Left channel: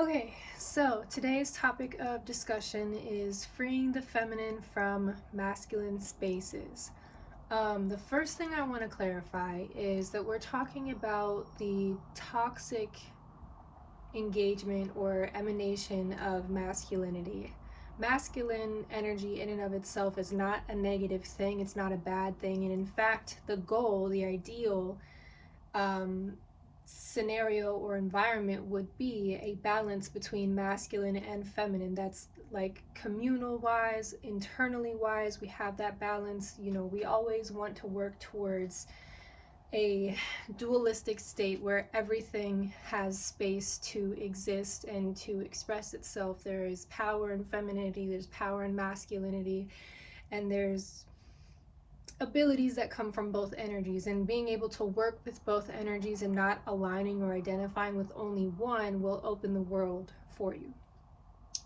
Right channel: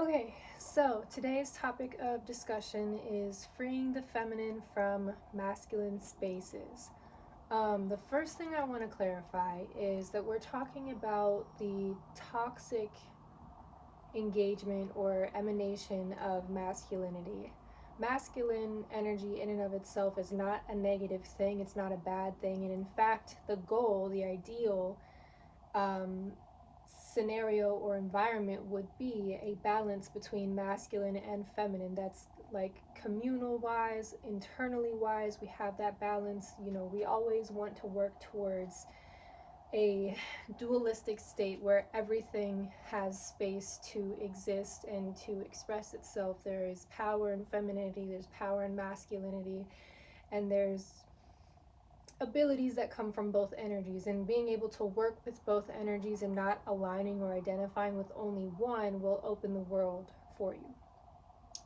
Okay, so today's topic of discussion is freeing the feminine from masculine spaces. The first thing I want to clarify is that we're talking about the toxic engagement or emanation of masculinity. Masculine energy, in and of itself, is not a negative thing, it's not a bad thing, and in fact, the goal, the ideal um, scenario or environment would be a balance between masculine and feminine. That's like communal wise, internally wise, we have that balance. We always want to work towards a dualistic state where everything has space to exist and to express itself. There is power in femininity, there's power in masculinity, and there's abilities that come from both energies, and being able to work with both energies and not aligning or identifying with only one will open the world for you.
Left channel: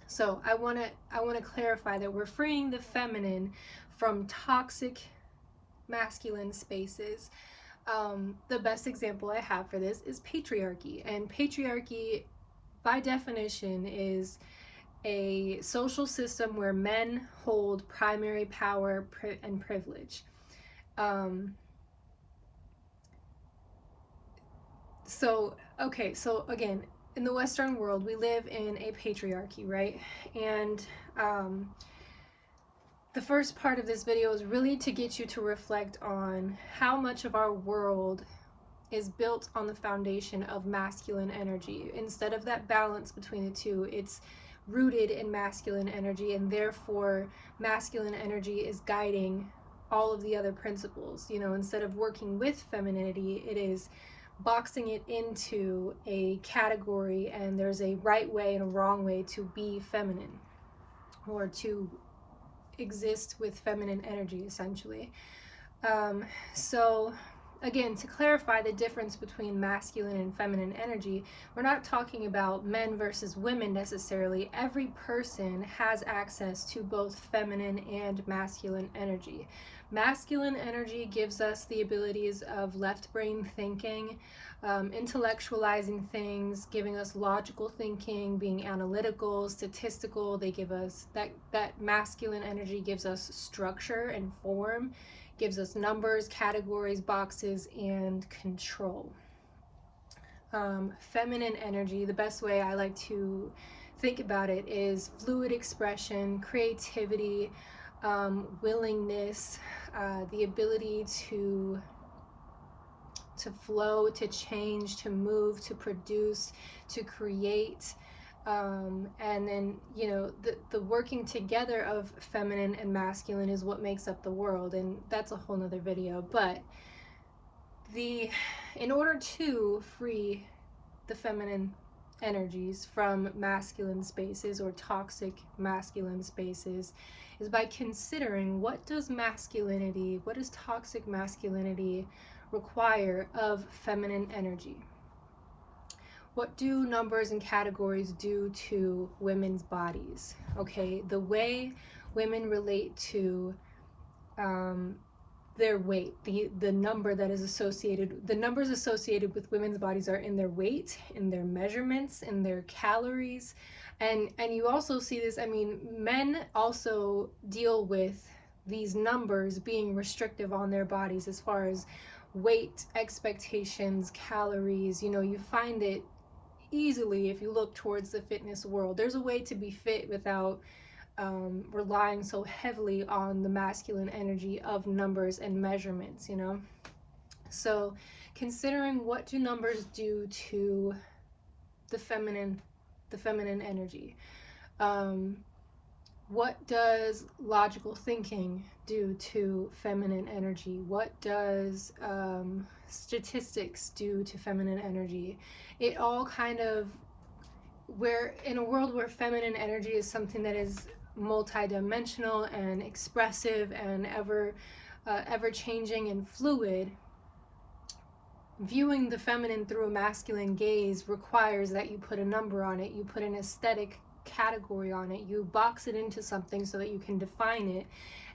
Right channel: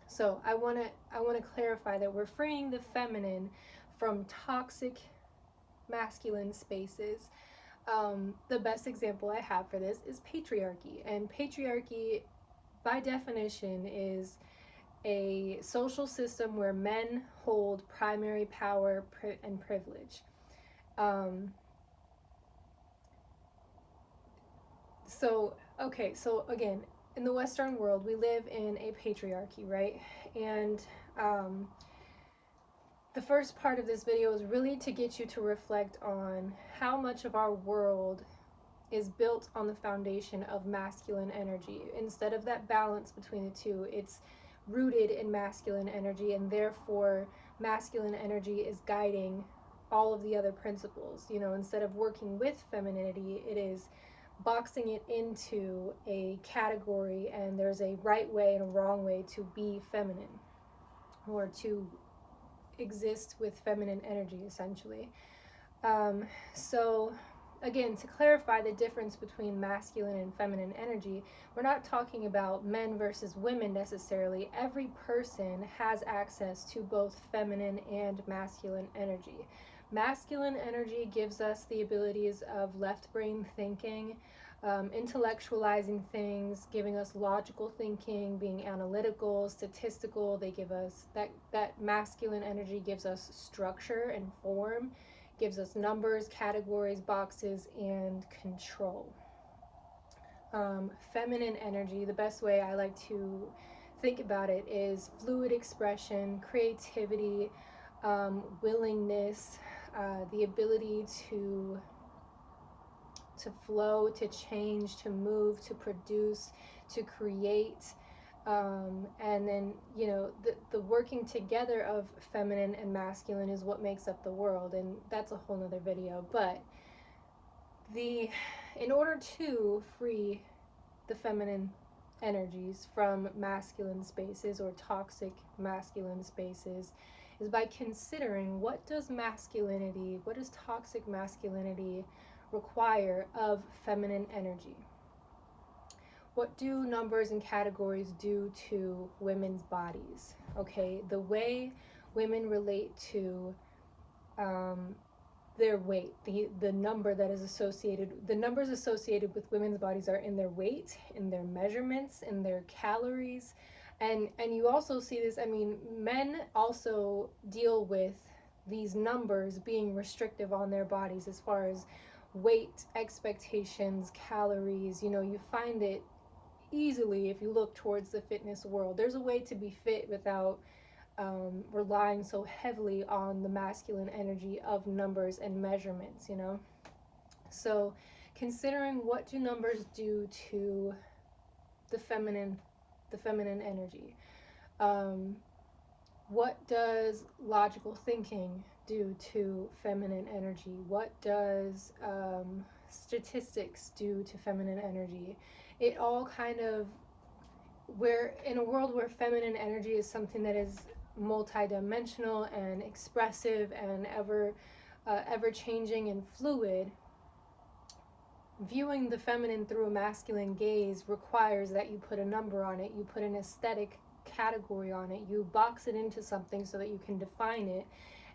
So I want to clarify that we're freeing the feminine from toxic masculine spaces. The best example I have for this is patriarchy, and patriarchy by definition is a social system where men hold primary power and privilege. um, so again, in the Western world, we live in a patriarchy, right? And um, the first part of this video is really to get you to reflect on how much of our world is built on the foundation of masculine energy. Instead of that balance between the two, it's rooted in masculine energy, and therefore masculine energy is guiding all of the other principles. Instead of working with femininity, it is boxing it into a category, and there's a right way and a wrong way to be feminine or to exist with feminine energy, essentially. Um, so, again, to clarify the difference between masculine and feminine energy, we're not talking about men versus women necessarily. Every person has access to both feminine and masculine energy. Masculine energy gives us the abilities of left brain thinking, intellectualizing things, giving us logical thinking, being analytical, statistical. They give us that masculine energy gives us structure and form, gives us numbers, categories, boxes, and control. Feminine energy, the best way I like to think about it is fluid expression, creativity, willingness, the ability to flow, to change, to move, to produce, to create. And then, the working together of feminine and masculine is what makes up the world, and that's a whole nother video. But in order to free the feminine energies from masculine spaces or toxic masculine spaces is by considering what does toxic masculinity require of feminine energy. What do numbers and categories do to women's bodies? Okay, the way women relate to their weight, the numbers associated with women's bodies are in their weight, in their measurements, in their calories, and you also see this. I mean, men also deal with these numbers being restrictive on their bodies as far as weight expectations, calories. You find it easily if you look towards the fitness world. There's a way to be fit without relying so heavily on the masculine energy of numbers and measurements. So considering what do numbers do to the feminine energy. What does logical thinking do to feminine energy? What does statistics do to feminine energy? It all kind of, we're in a world where feminine energy is something that is multidimensional and expressive and ever changing and fluid. Viewing the feminine through a masculine gaze requires that you put a number on it, you put an aesthetic category on it, you box it into something so that you can define it,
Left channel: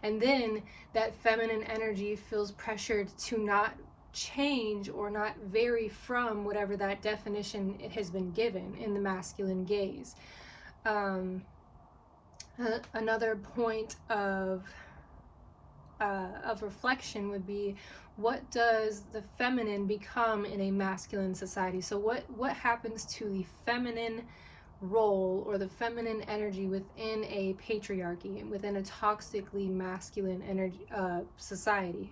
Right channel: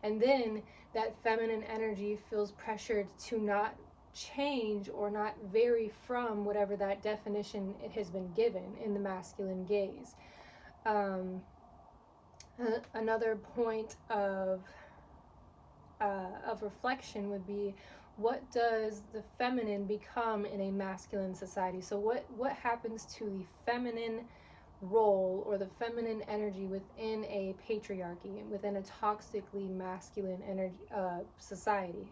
and then that feminine energy feels pressured to not change or not vary from whatever that definition it has been given in the masculine gaze. Another point of reflection would be, what does the feminine become in a masculine society? So what happens to the feminine role or the feminine energy within a patriarchy, within a toxically masculine energy society?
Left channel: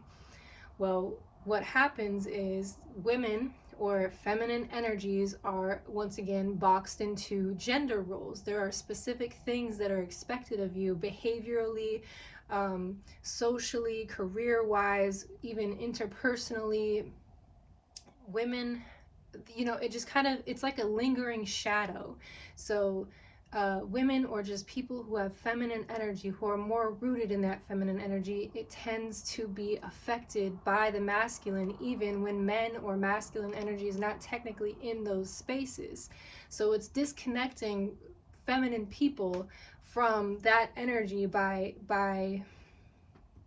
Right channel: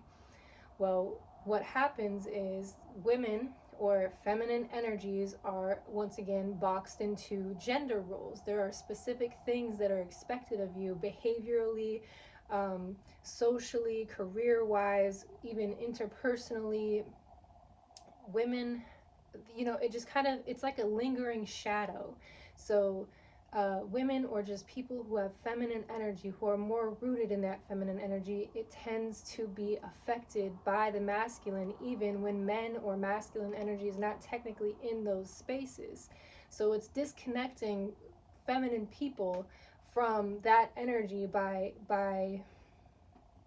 Well, what happens is women or feminine energies are once again boxed into gender roles. There are specific things that are expected of you behaviorally, socially, career-wise, even interpersonally. Women, it just kind of, it's like a lingering shadow. So women, or just people who have feminine energy, who are more rooted in that feminine energy, it tends to be affected by the masculine, even when men or masculine energy is not technically in those spaces. So it's disconnecting feminine people from that energy by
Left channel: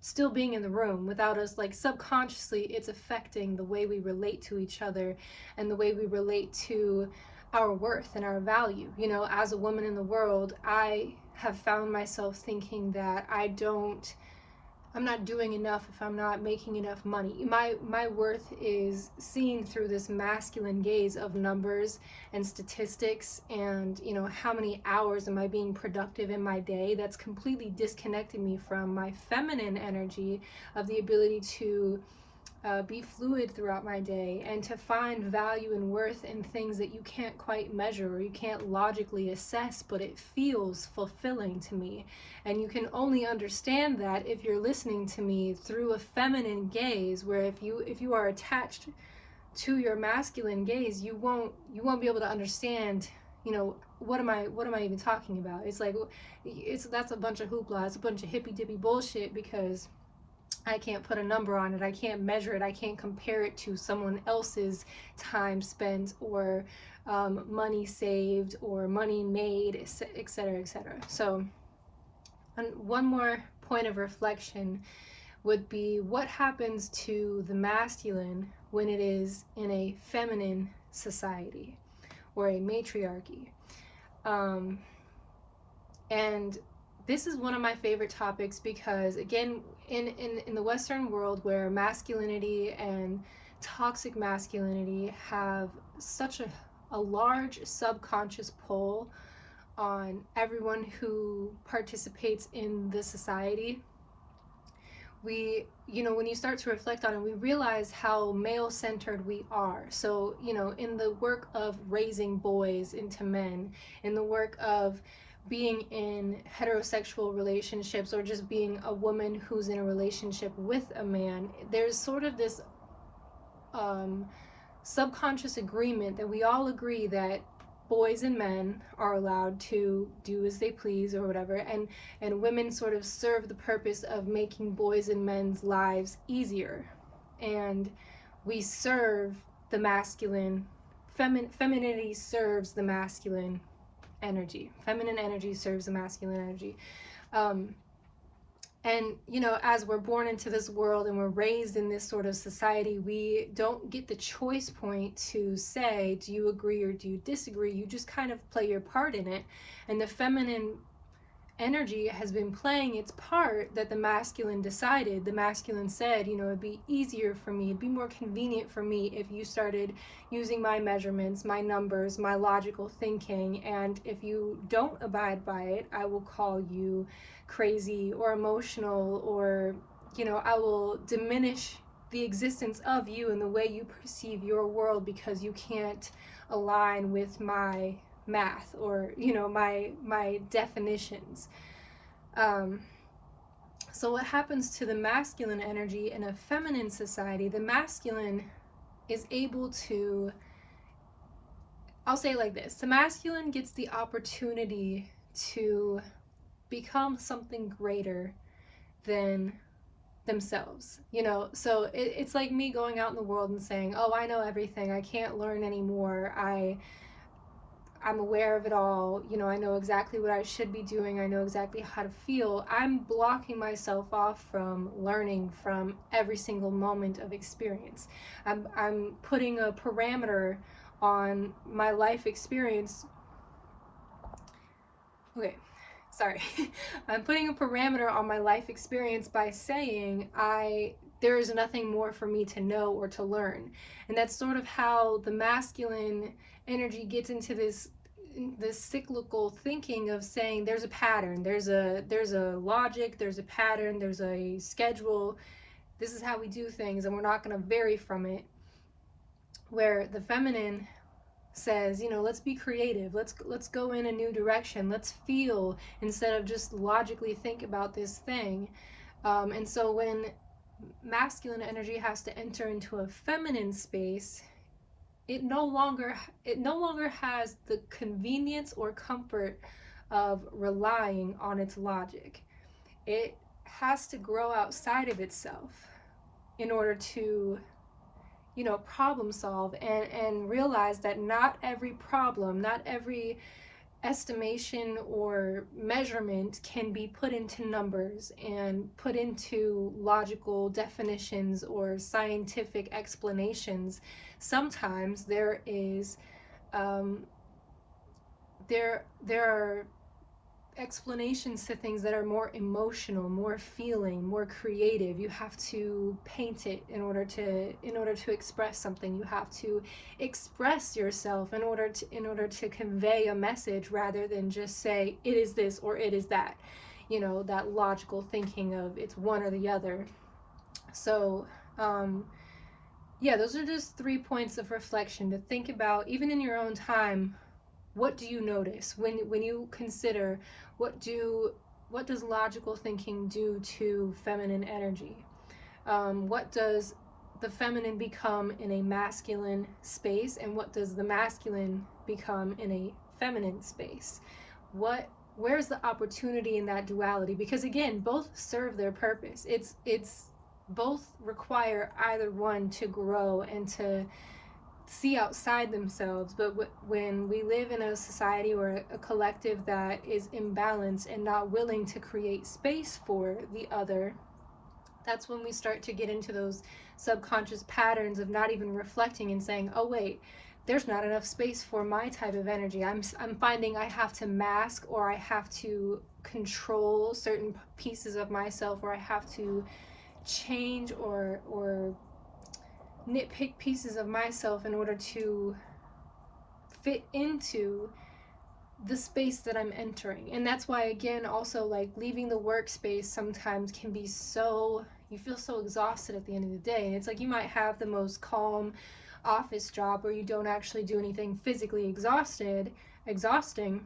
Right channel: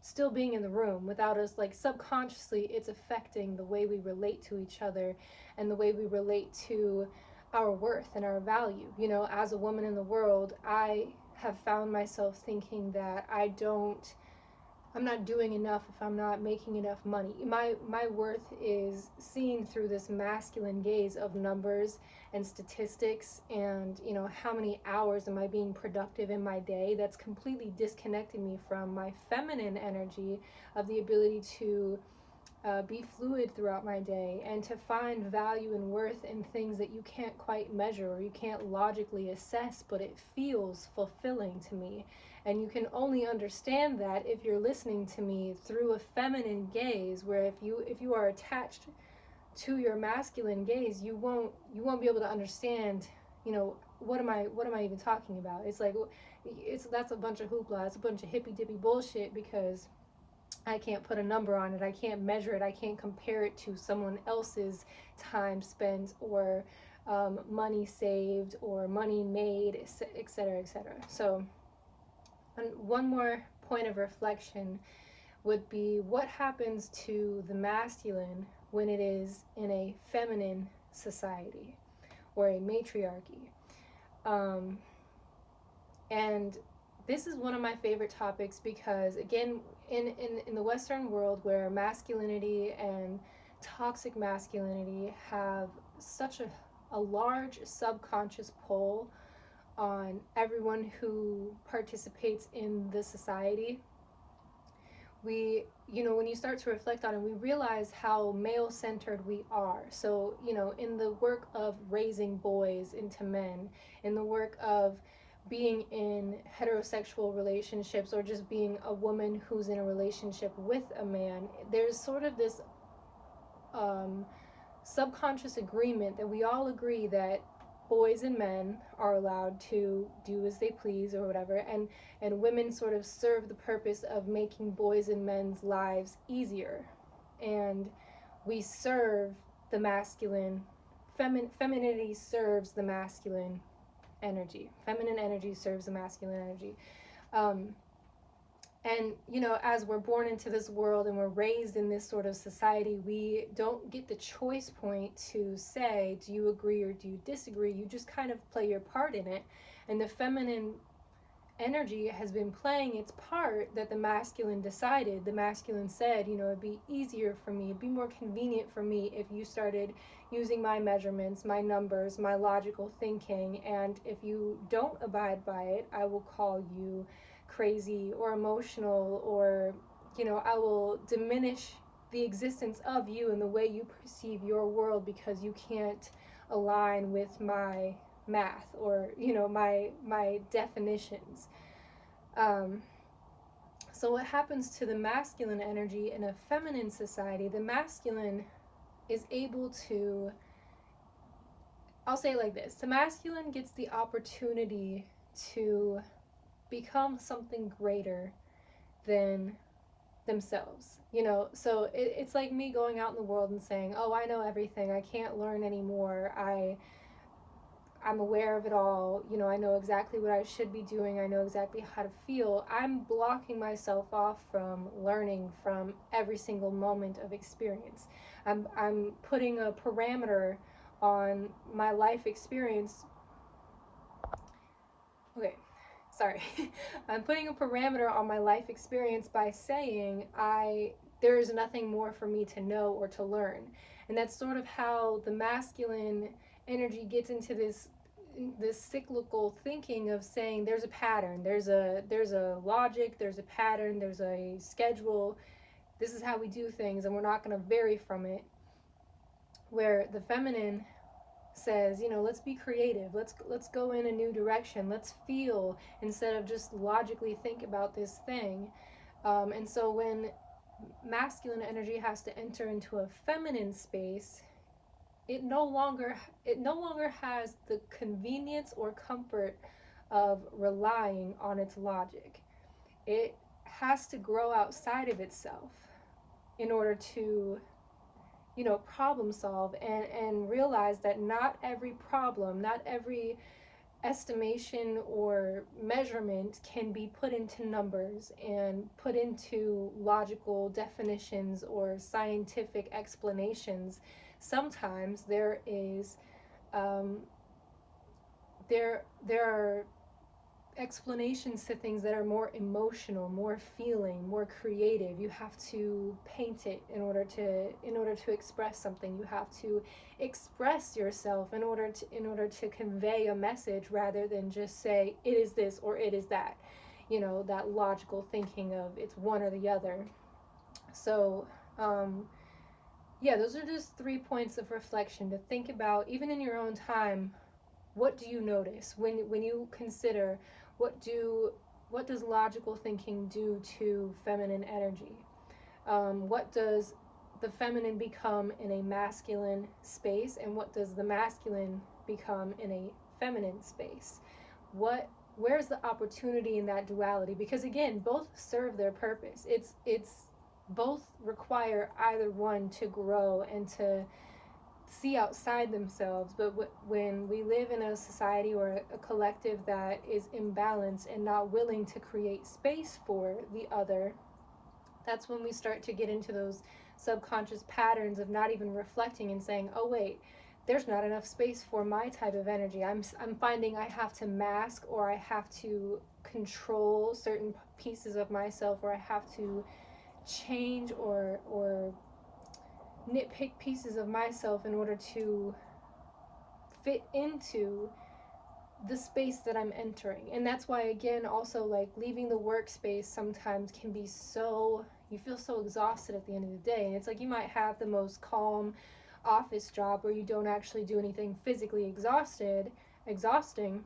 still being in the room. Without us, like, subconsciously, it's affecting the way we relate to each other and the way we relate to our worth and our value. As a woman in the world, I have found myself thinking that I'm not doing enough if I'm not making enough money. My worth is seen through this masculine gaze of numbers and statistics, and how many hours am I being productive in my day. That's completely disconnected me from my feminine energy of the ability to be fluid throughout my day and to find value and worth in things that you can't quite measure or you can't logically assess, but it feels fulfilling to me. And you can only understand that if you're listening to me through a feminine gaze, where if you are attached to your masculine gaze, you won't be able to understand, what am I even talking about. It's like, that's a bunch of hoopla, it's a bunch of hippy dippy bullshit, because I can't put a number on it, I can't measure it, I can't compare it to someone else's time spent, or money saved, or money made, etc., etc. So one more point of reflection would be, what happens to the masculine when it is in a feminine society or a matriarchy? And this is one of my favorite topics, because again, in the Western world, where masculinity and toxic masculinity have such a large subconscious pull on everyone who participates in the society, when you start to reflect on it, we realize how male-centered we are. So, in the work of raising boys into men, in the work of being in heterosexual relationships, or just being a woman who's in a relationship with a man, there's sort of this subconscious agreement that we all agree that boys and men are allowed to do as they please or whatever, and women sort of serve the purpose of making boys and men's lives easier, and we serve the masculine. Femininity serves the masculine energy. Feminine energy serves the masculine energy. And as we're born into this world and we're raised in this sort of society, we don't get the choice point to say, do you agree or do you disagree? You just kind of play your part in it. And the feminine energy has been playing its part that the masculine decided. The masculine said, it'd be easier for me, it'd be more convenient for me if you started using my measurements, my numbers, my logical thinking, and if you don't abide by it, I will call you crazy or emotional, or I will diminish the existence of you and the way you perceive your world, because you can't align with my math, or my definitions. So what happens to the masculine energy in a feminine society? The masculine is able to, I'll say it like this, the masculine gets the opportunity to become something greater than themselves. So it's like me going out in the world and saying, oh, I know everything, I can't learn anymore, I'm aware of it all. You know, I know exactly what I should be doing. I know exactly how to feel. I'm blocking myself off from learning from every single moment of experience. I'm putting a parameter on my life experience. Okay, sorry. I'm putting a parameter on my life experience by saying there is nothing more for me to know or to learn. And that's sort of how the masculine energy gets into this cyclical thinking of saying there's a pattern, there's a logic, there's a pattern, there's a schedule. This is how we do things and we're not going to vary from it. Where the feminine says, you know, let's be creative, let's go in a new direction, let's feel instead of just logically think about this thing. And so when masculine energy has to enter into a feminine space, it no longer has the convenience or comfort of relying on its logic. It has to grow outside of itself in order to, you know, problem solve and realize that not every problem, not every estimation or measurement can be put into numbers and put into logical definitions or scientific explanations. Sometimes um, there are explanations to things that are more emotional, more feeling, more creative. You have to paint it in order to express something. You have to express yourself in order to convey a message rather than just say it is this or it is that. You know, that logical thinking of it's one or the other. So, yeah, those are just 3 points of reflection to think about, even in your own time. What do you notice when you consider what does logical thinking do to feminine energy? What does the feminine become in a masculine space, and what does the masculine become in a feminine space? Where's the opportunity in that duality? Because again, both serve their purpose. It's both require either one to grow and to see outside themselves. But when we live in a society or a collective that is imbalanced and not willing to create space for the other, that's when we start to get into those subconscious patterns of not even reflecting and saying, oh wait, there's not enough space for my type of energy. I'm finding I have to mask, or I have to control certain pieces of myself, or I have to change or nitpick pieces of myself in order to fit into the space that I'm entering. And that's why, again, also like leaving the workspace sometimes can be so, you feel so exhausted at the end of the day. And it's like you might have the most calm office job where you don't actually do anything physically exhausting.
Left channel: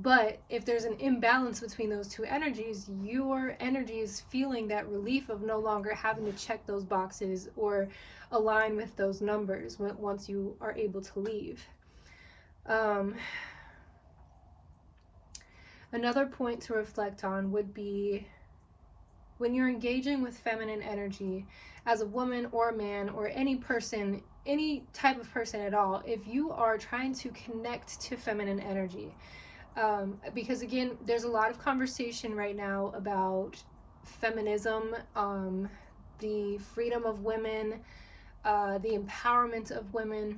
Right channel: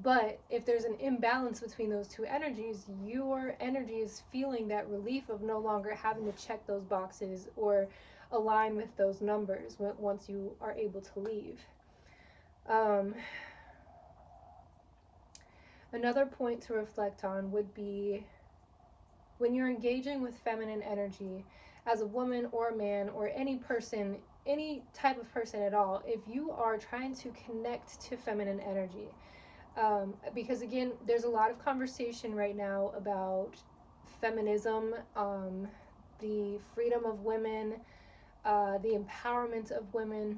But if there's an imbalance between those two energies, your energy is feeling that relief of no longer having to check those boxes or align with those numbers once you are able to leave. Another point to reflect on would be when you're engaging with feminine energy as a woman or a man or any person, any type of person at all, if you are trying to connect to feminine energy, because again, there's a lot of conversation right now about feminism, the freedom of women, the empowerment of women.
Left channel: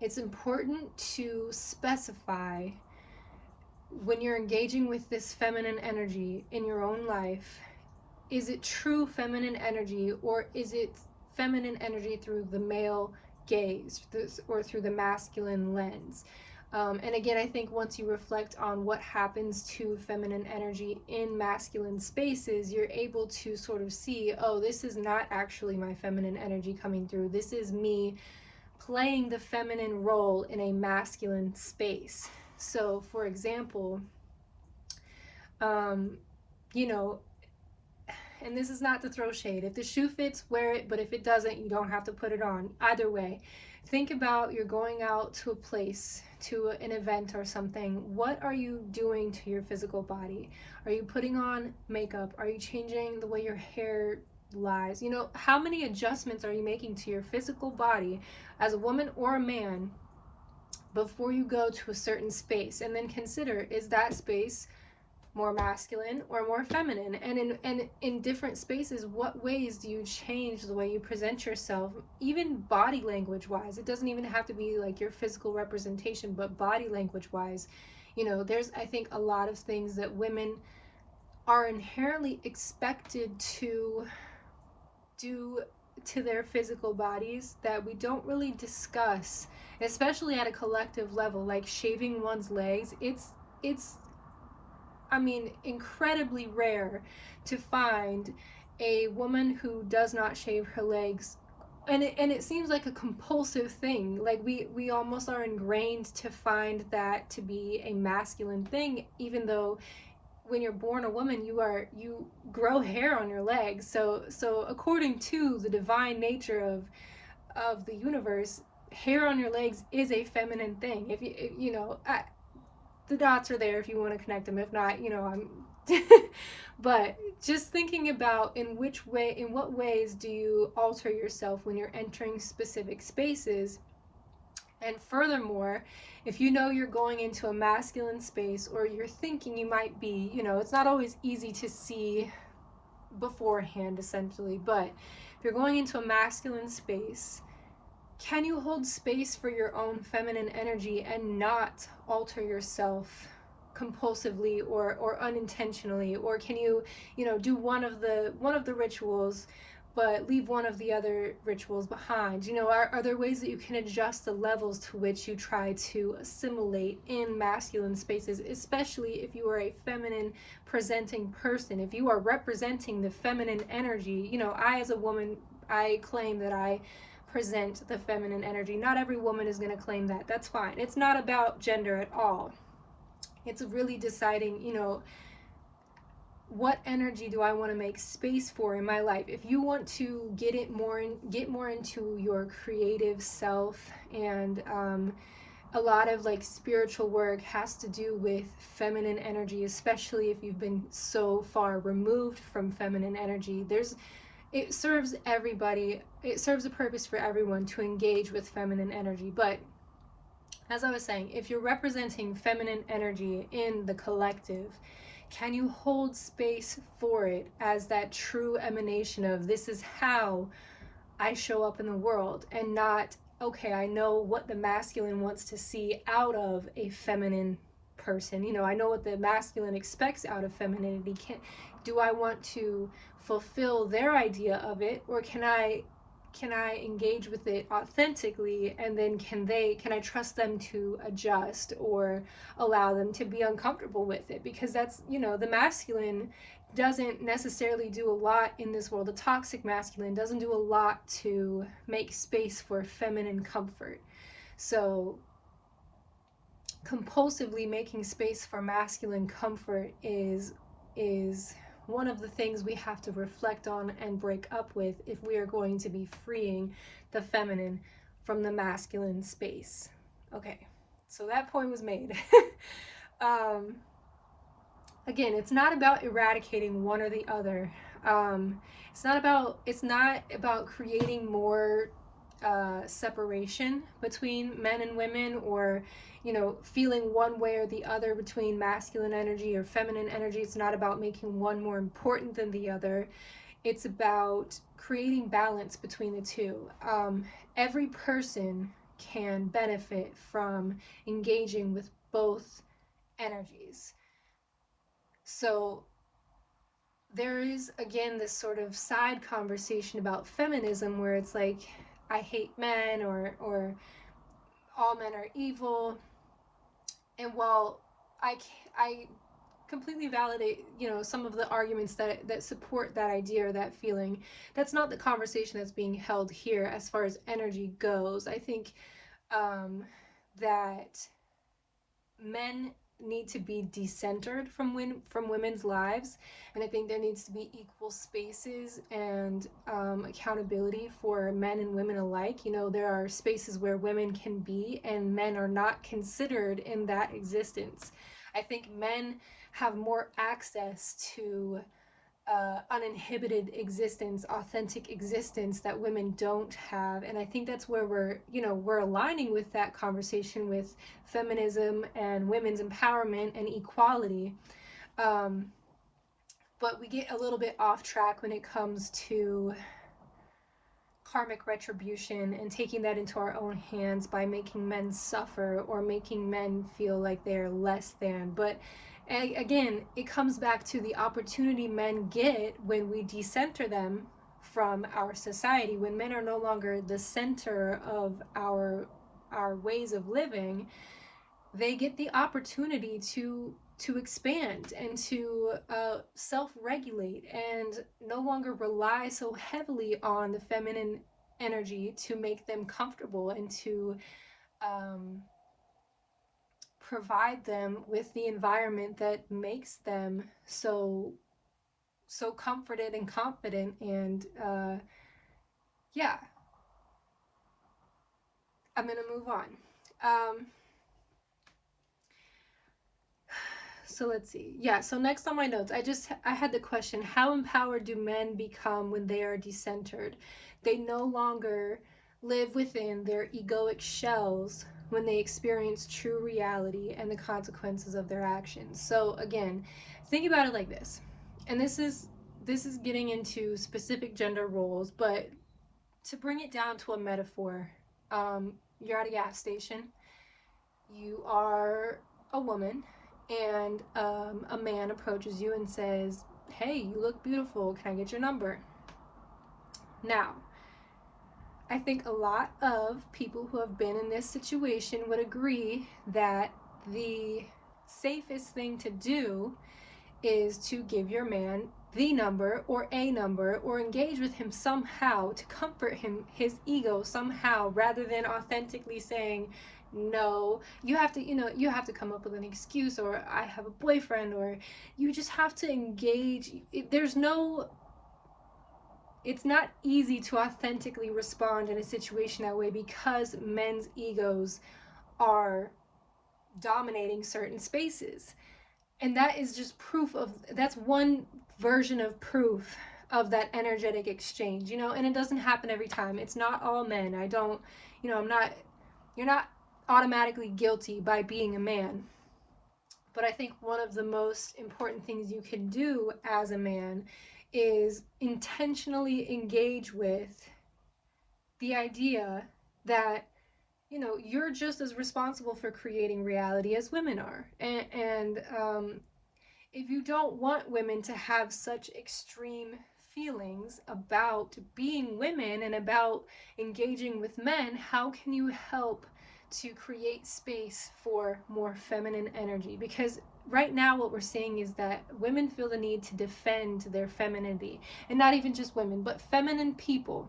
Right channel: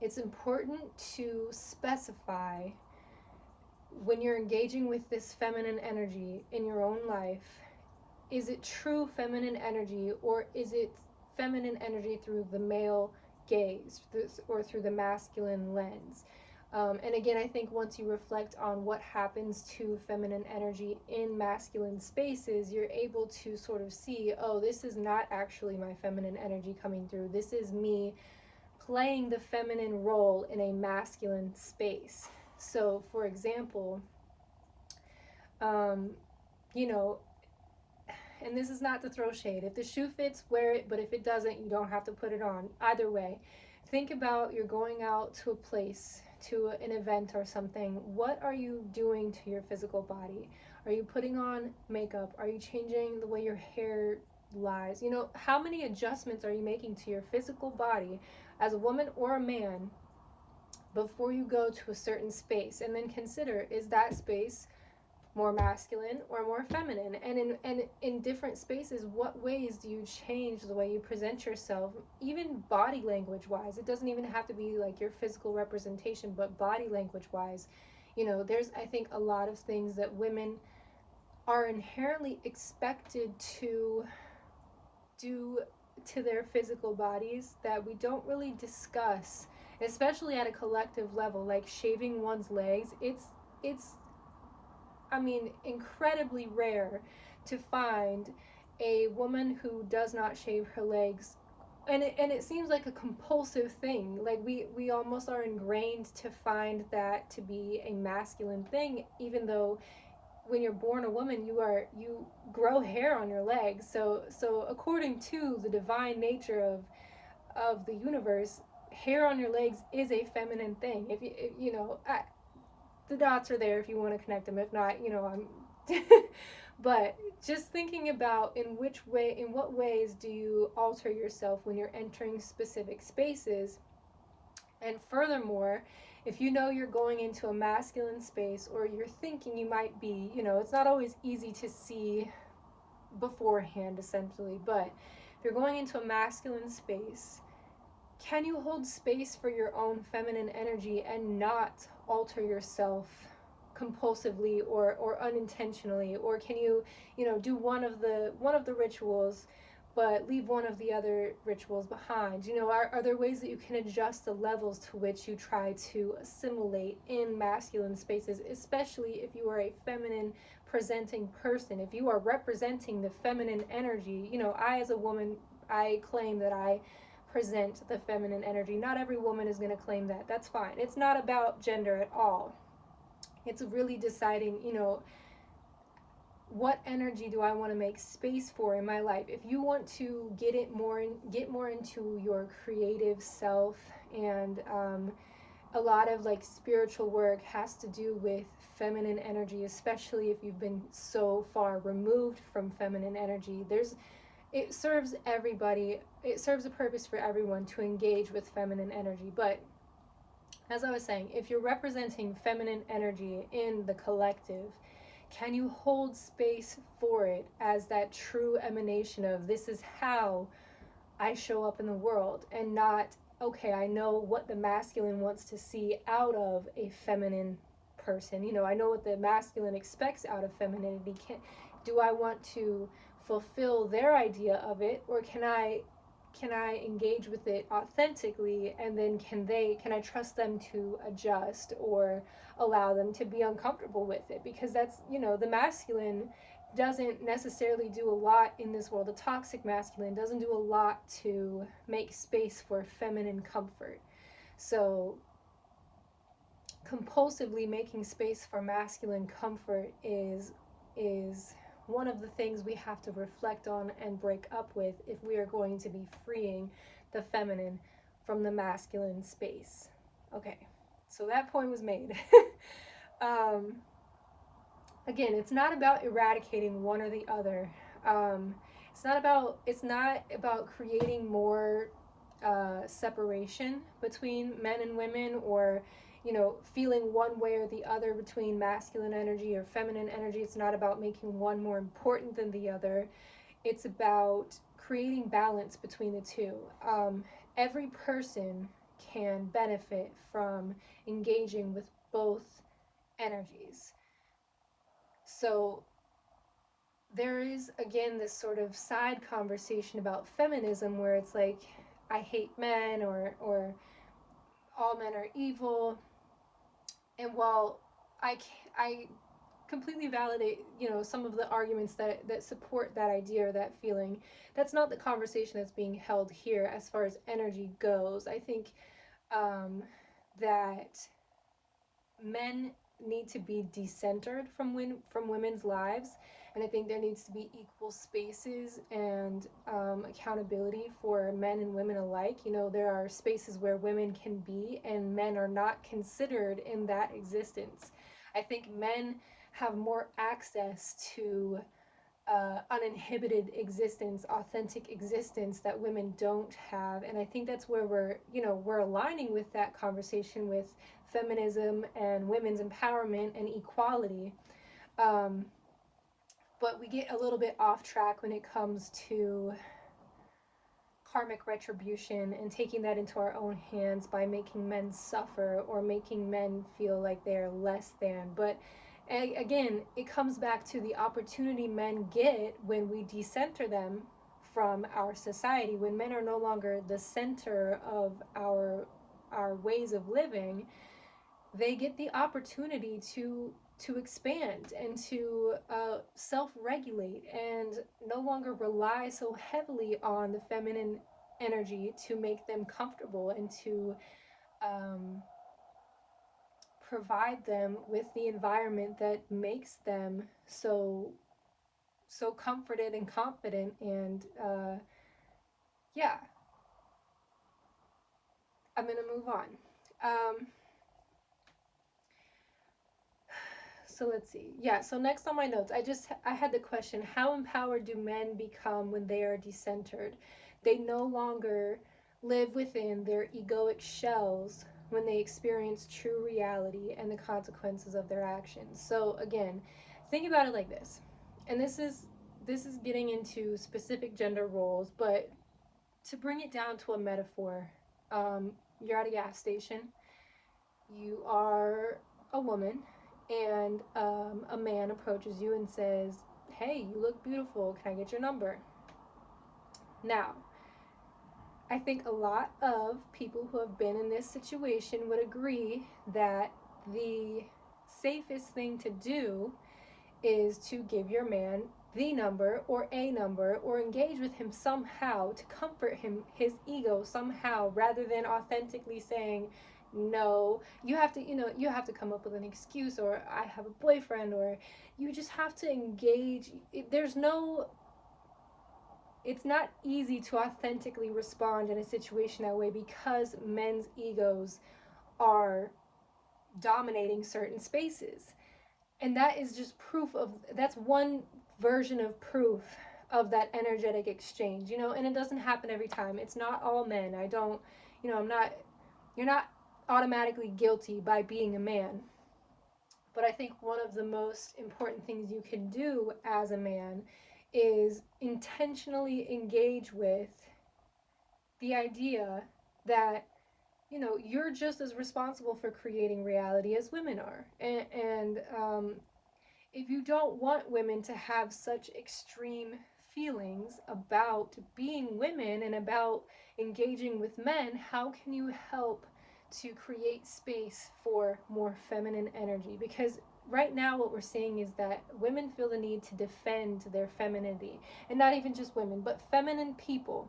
It's important to specify when you're engaging with this feminine energy in your own life, is it true feminine energy, or is it feminine energy through the male gaze or through the masculine lens? And again, I think once you reflect on what happens to feminine energy in masculine spaces, you're able to sort of see, oh, this is not actually my feminine energy coming through. This is me playing the feminine role in a masculine space. So, for example, um, you know, and this is not to throw shade. If the shoe fits, wear it, but if it doesn't, you don't have to put it on. Either way, think about you're going out to a place, to an event or something. What are you doing to your physical body? Are you putting on makeup? Are you changing the way your hair lies? You know, how many adjustments are you making to your physical body as a woman or a man before you go to a certain space, and then consider, is that space more masculine or more feminine? And in different spaces, what ways do you change the way you present yourself, even body language wise? It doesn't even have to be like your physical representation, but body language wise. There's, I think, a lot of things that women are inherently expected to do to their physical bodies that we don't really discuss, especially at a collective level, like shaving one's legs. It's I mean, incredibly rare to find a woman who does not shave her legs. And it seems like a compulsive thing. Like we almost are ingrained to find that to be a masculine thing, even though when you're born a woman, you grow hair on your legs. So according to the divine nature of the universe, hair on your legs is a feminine thing. If the dots are there if you want to connect them. If not, I'm but just thinking about in what ways do you alter yourself when you're entering specific spaces. And furthermore, if you know you're going into a masculine space, or you're thinking you might be, it's not always easy to see beforehand, essentially, but if you're going into a masculine space, can you hold space for your own feminine energy and not alter yourself compulsively or unintentionally? Or can you, do one of the rituals but leave one of the other rituals behind? Are there ways that you can adjust the levels to which you try to assimilate in masculine spaces, especially if you are a feminine presenting person, if you are representing the feminine energy? I, as a woman, I claim that I present the feminine energy. Not every woman is going to claim that. That's fine. It's not about gender at all. It's really deciding, what energy do I want to make space for in my life? If you want to get more into your creative self, and a lot of like spiritual work has to do with feminine energy, especially if you've been so far removed from feminine energy. It serves everybody, it serves a purpose for everyone to engage with feminine energy. But as I was saying, if you're representing feminine energy in the collective, can you hold space for it as that true emanation of, this is how I show up in the world, and not, okay, I know what the masculine wants to see out of a feminine person. I know what the masculine expects out of femininity. Do I want to fulfill their idea of it, or can I engage with it authentically, and then can I trust them to adjust, or allow them to be uncomfortable with it? Because that's, the masculine doesn't necessarily do a lot in this world. The toxic masculine doesn't do a lot to make space for feminine comfort. So compulsively making space for masculine comfort is one of the things we have to reflect on and break up with if we are going to be freeing the feminine from the masculine space. Okay, so that point was made. um, Again, it's not about eradicating one or the other. It's not about creating more separation between men and women, or feeling one way or the other between masculine energy or feminine energy. It's not about making one more important than the other. It's about creating balance between the two. Every person can benefit from engaging with both energies. So there is, again, this sort of side conversation about feminism where it's like, I hate men, or all men are evil. And while I completely validate, some of the arguments that support that idea or that feeling, that's not the conversation that's being held here as far as energy goes. I think that men need to be decentered from women's lives, and I think there needs to be equal spaces and accountability for men and women alike. There are spaces where women can be and men are not considered in that existence. I think men have more access to uninhibited existence, authentic existence that women don't have. And I think that's where we're aligning with that conversation with feminism and women's empowerment and equality. Um, but we get a little bit off track when it comes to karmic retribution and taking that into our own hands by making men suffer or making men feel like they're less than. But again, it comes back to the opportunity men get when we decenter them from our society, when men are no longer the center of our ways of living. They get the opportunity to expand and to self-regulate and no longer rely so heavily on the feminine energy to make them comfortable and to um, provide them with the environment that makes them so comforted and confident. And yeah, I'm gonna move on. um, So let's see. Yeah, so next on my notes, I had the question, how empowered do men become when they are decentered? They no longer live within their egoic shells when they experience true reality and the consequences of their actions. So again, think about it like this. And this is getting into specific gender roles, but to bring it down to a metaphor, you're at a gas station, you are a woman, and a man approaches you and says, "Hey, you look beautiful. Can I get your number?" Now, I think a lot of people who have been in this situation would agree that the safest thing to do is to give your man the number or a number or engage with him somehow to comfort him, his ego somehow, rather than authentically saying, no, you have to come up with an excuse, or I have a boyfriend, or you just have to engage. It's not easy to authentically respond in a situation that way because men's egos are dominating certain spaces. And that is just that's one version of proof of that energetic exchange, and it doesn't happen every time. It's not all men. I don't, I'm not, you're not automatically guilty by being a man. But I think one of the most important things you can do as a man is intentionally engage with the idea that you're just as responsible for creating reality as women are. And if you don't want women to have such extreme feelings about being women and about engaging with men, how can you help to create space for more feminine energy? Because right now what we're seeing is that women feel the need to defend their femininity, and not even just women, but feminine people.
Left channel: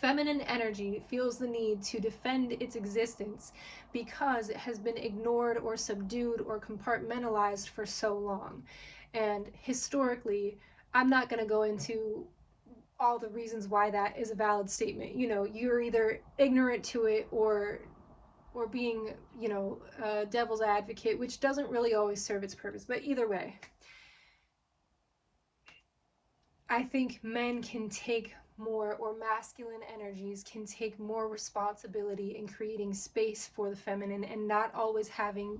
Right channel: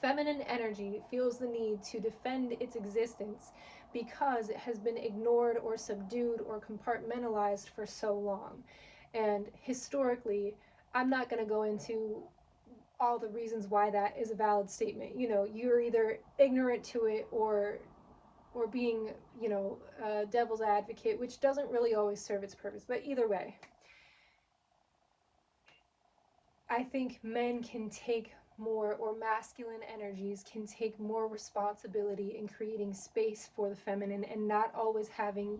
Feminine energy feels the need to defend its existence because it has been ignored or subdued or compartmentalized for so long. And historically, I'm not going to go into all the reasons why that is a valid statement. You're either ignorant to it or being, a devil's advocate, which doesn't really always serve its purpose. But either way, I think men can take more, or masculine energies can take more responsibility in creating space for the feminine and not always having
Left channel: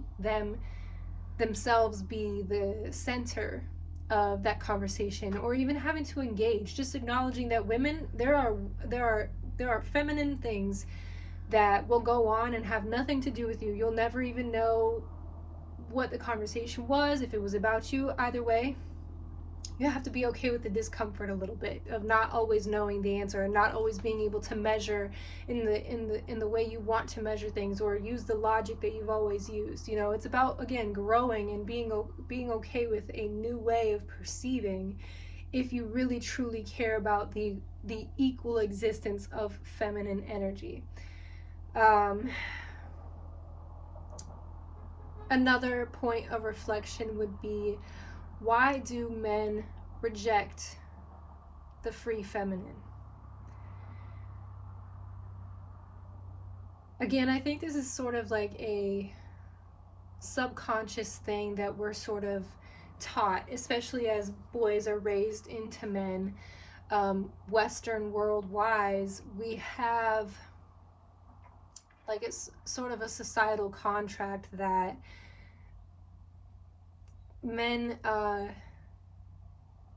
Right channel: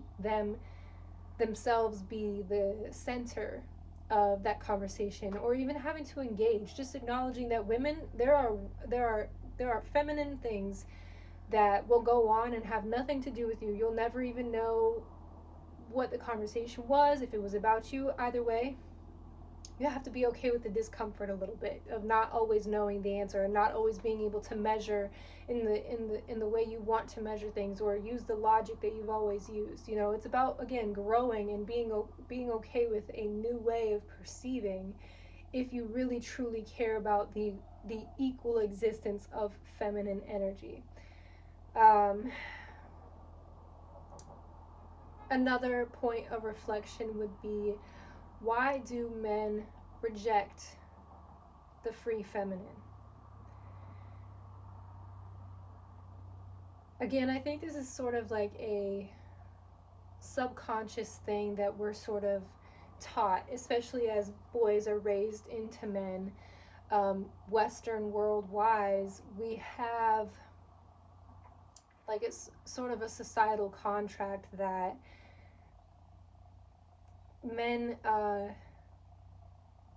themselves be the center of that conversation, or even having to engage. Just acknowledging that women, there are feminine things that will go on and have nothing to do with you. You'll never even know what the conversation was, if it was about you. Either way, you have to be okay with the discomfort a little bit of not always knowing the answer and not always being able to measure in the way you want to measure things, or use the logic that you've always used. It's about, again, growing and being okay with a new way of perceiving, if you really truly care about the equal existence of feminine energy. Another point of reflection would be, why do men reject the free feminine? Again, I think this is sort of like a subconscious thing that we're sort of taught, especially as boys are raised into men, Western world wise, we have like it's sort of a societal contract that men, there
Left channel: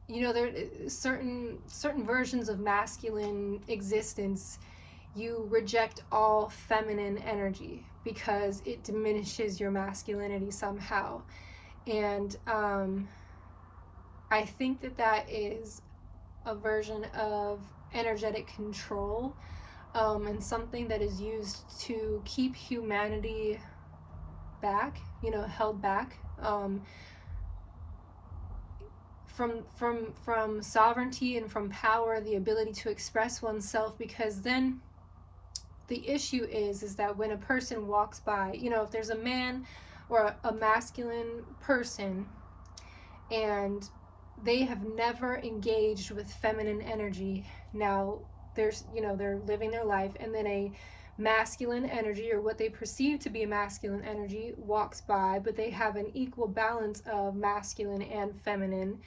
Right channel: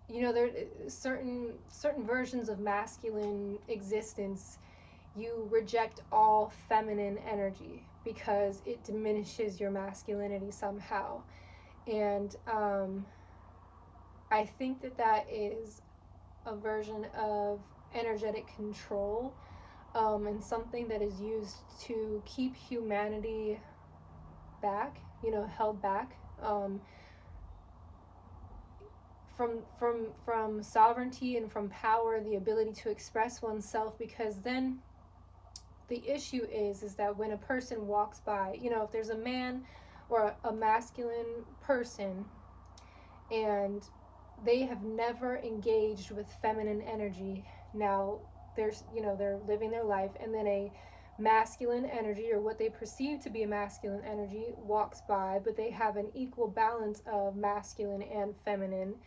are certain versions of masculine existence. You reject all feminine energy because it diminishes your masculinity somehow. And I think that is a version of energetic control, and something that is used to keep humanity back, held back, from sovereignty and from power, the ability to express oneself. Because then the issue is that when a person walks by, if there's a man or a masculine person and they have never engaged with feminine energy, now they're living their life, and then a masculine energy, or what they perceive to be a masculine energy, walks by, but they have an equal balance of masculine and feminine.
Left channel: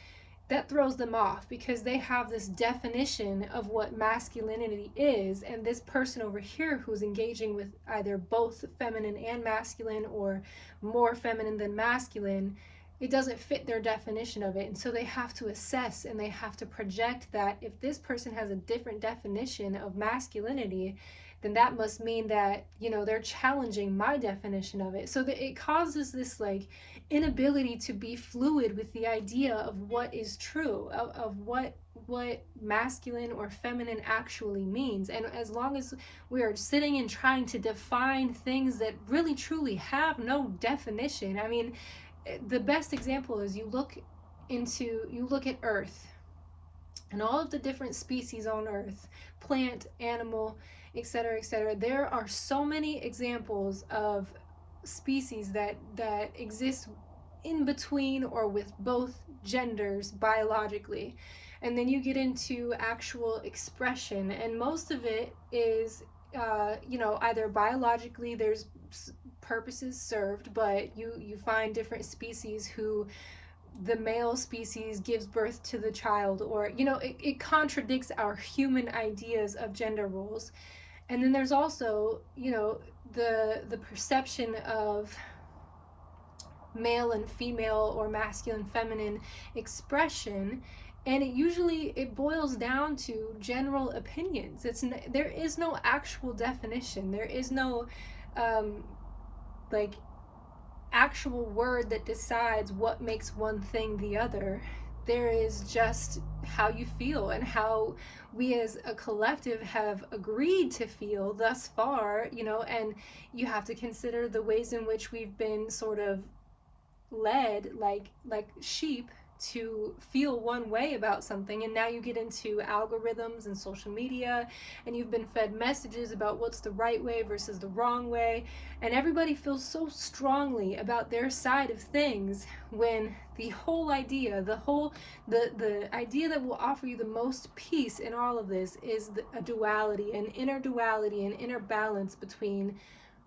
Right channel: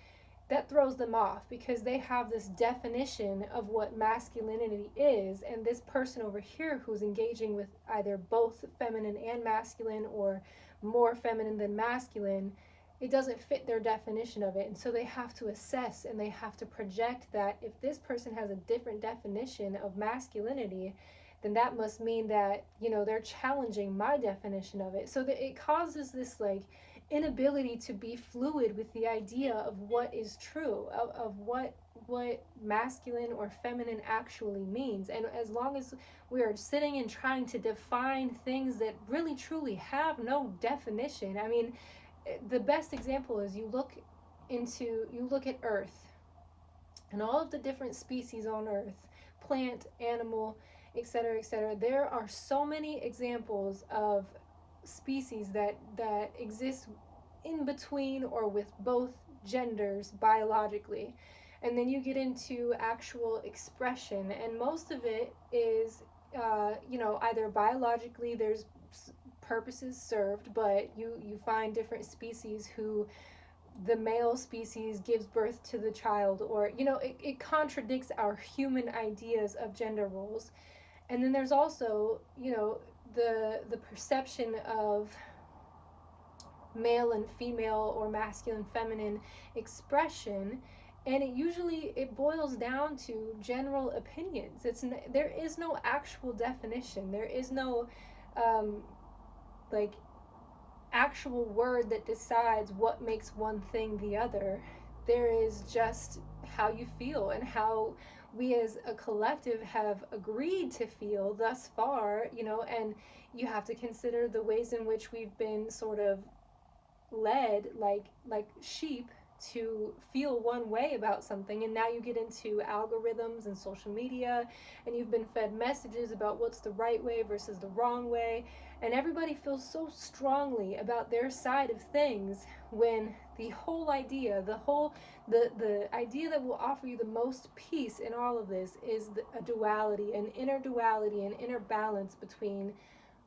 That throws them off because they have this definition of what masculinity is, and this person over here who's engaging with either both feminine and masculine, or more feminine than masculine, it doesn't fit their definition of it. And so they have to assess and they have to project that if this person has a different definition of masculinity, then that must mean that they're challenging my definition of it. So that it causes this like inability to be fluid with the idea of what is true, of what masculine or feminine actually means. And as long as we are sitting and trying to define things that really truly have no definition, I mean, the best example is you look at Earth and all of the different species on Earth, plant, animal, etc., etc. There are so many examples of species that exist in between or with both genders biologically. And then you get into actual expression, and most of it is either biologically, there's purposes served, but you find different species who the male species gives birth to the child, or it contradicts our human ideas of gender roles. And then there's also the perception of male and female, or masculine feminine expression, and it boils down to general opinions. There is no actual definition. There is no like actual word that decides what makes one thing the other. There is just how you feel and how we as a collective have agreed to feel thus far, and you have to consider the ways in which we've been sort of led like sheep to feel one way about something. And now you get into algorithms and social media, and you've been fed messages about what's the right way versus the wrong way, and everybody feels so strongly about their side of things, when the whole idea, the idea that will offer you the most peace in all of this is a duality, an inner duality, an inner balance between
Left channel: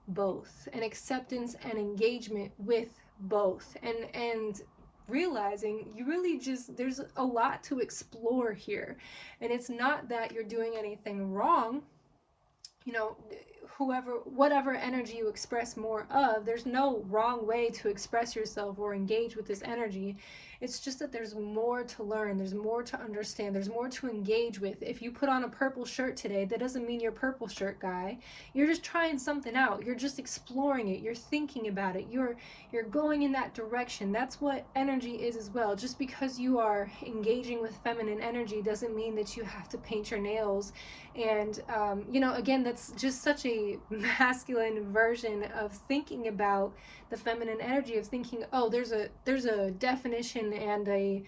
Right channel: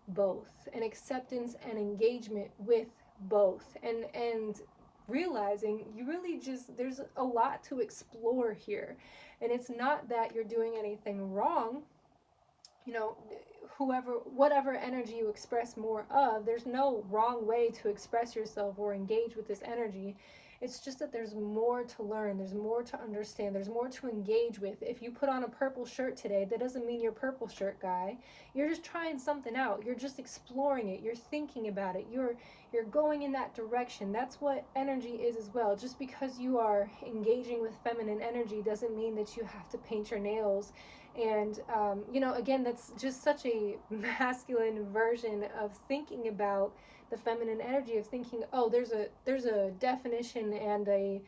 both, and acceptance and engagement with both, and realizing you really just, there's a lot to explore here. And it's not that you're doing anything wrong. Whatever energy you express more of, there's no wrong way to express yourself or engage with this energy. It's just that there's more to learn, there's more to understand, there's more to engage with. If you put on a purple shirt today, that doesn't mean you're purple shirt guy. You're just trying something out, you're just exploring it, you're thinking about it, you're going in that direction. That's what energy is as well. Just because you are engaging with feminine energy doesn't mean that you have to paint your nails. And again, that's just such a masculine version of thinking about the feminine energy, of thinking, oh, there's a definition and a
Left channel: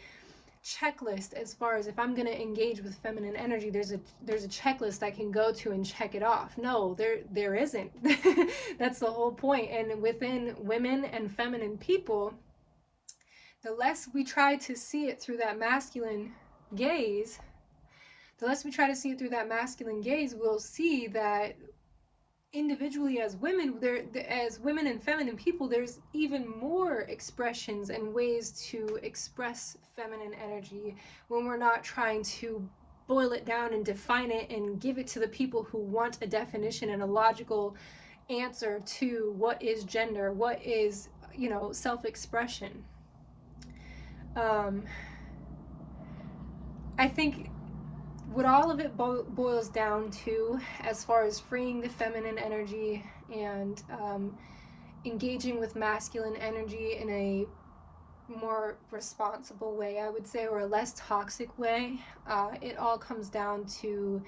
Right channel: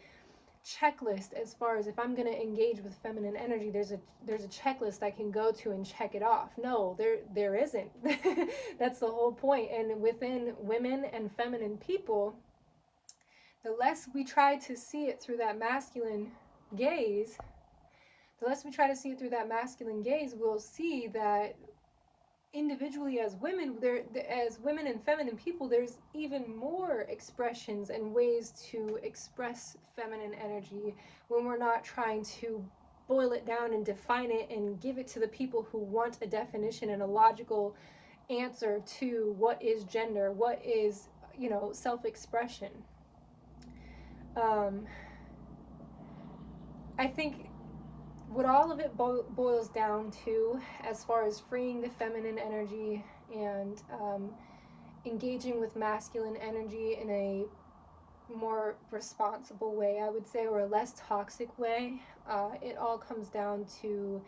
checklist. As far as if I'm going to engage with feminine energy, there's a checklist I can go to and check it off. No, there isn't. That's the whole point. And within women and feminine people, the less we try to see it through that masculine gaze, we'll see that individually as women, as women and feminine people, there's even more expressions and ways to express feminine energy when we're not trying to boil it down and define it and give it to the people who want a definition and a logical answer to what is gender, what is, self-expression. um, I think what all of it boils down to, as far as freeing the feminine energy and engaging with masculine energy in a more responsible way, I would say, or a less toxic way, it all comes down to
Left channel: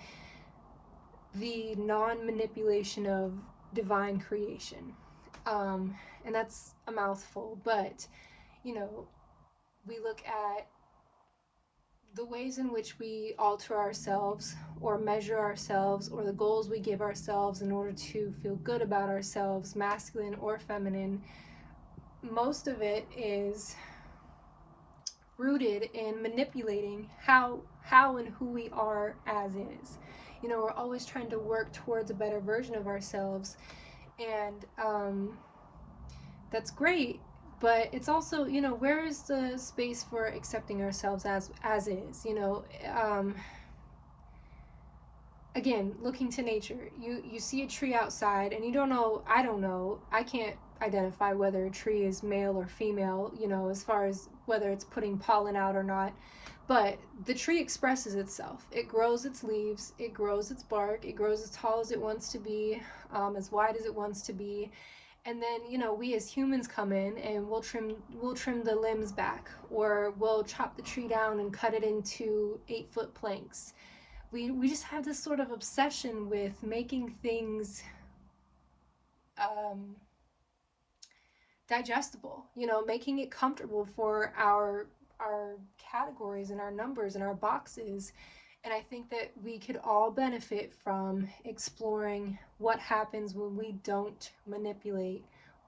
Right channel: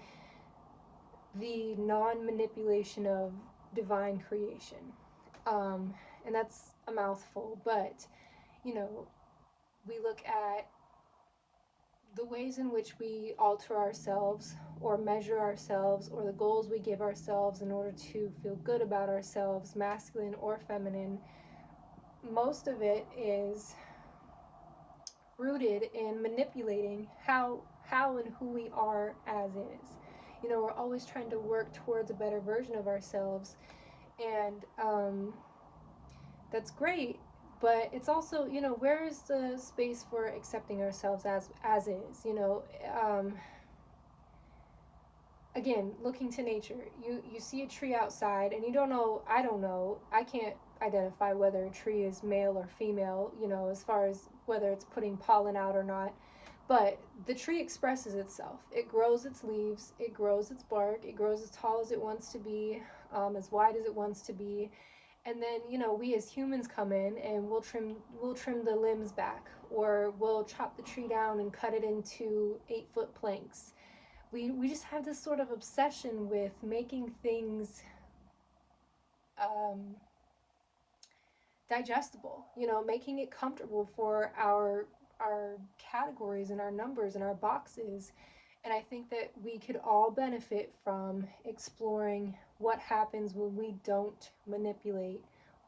the non-manipulation of divine creation. Um, and that's a mouthful, but, you know, we look at the ways in which we alter ourselves or measure ourselves, or the goals we give ourselves in order to feel good about ourselves, masculine or feminine. Most of it is rooted in manipulating how and who we are as is. We're always trying to work towards a better version of ourselves, and that's great. But it's also, where is the space for accepting ourselves as is? Again, looking to nature, you see a tree outside and you don't know, I don't know, I can't identify whether a tree is male or female, as far as whether it's putting pollen out or not. But the tree expresses itself. It grows its leaves, it grows its bark, it grows as tall as it wants to be, as wide as it wants to be. And then, we as humans come in and we'll trim the limbs back, or we'll chop the tree down and cut it into 8-foot planks. We just have this sort of obsession with making things um, digestible, making it comfortable for our categories and our numbers and our boxes. And I think that we could all benefit from exploring what happens when we don't manipulate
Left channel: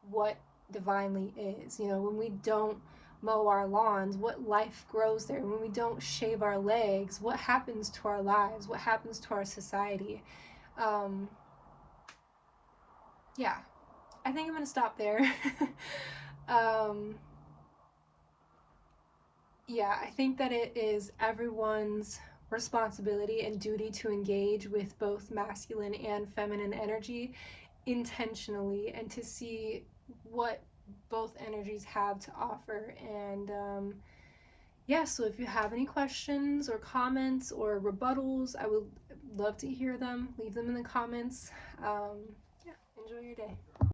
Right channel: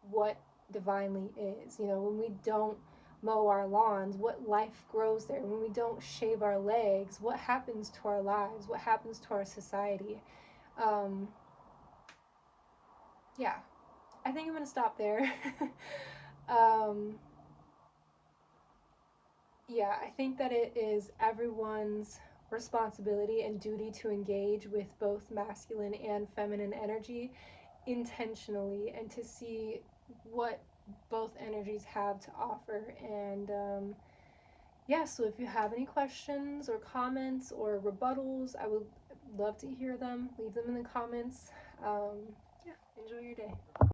what divinely is. When we don't mow our lawns, what life grows there. When we don't shave our legs, what happens to our lives, what happens to our society. um, yeah, I think I'm gonna stop there. um, yeah, I think that it is everyone's responsibility and duty to engage with both masculine and feminine energy intentionally, and to see what both energies have to offer. And yeah, so if you have any questions or comments or rebuttals, I would love to hear them. Leave them in the comments. Yeah, enjoy your day.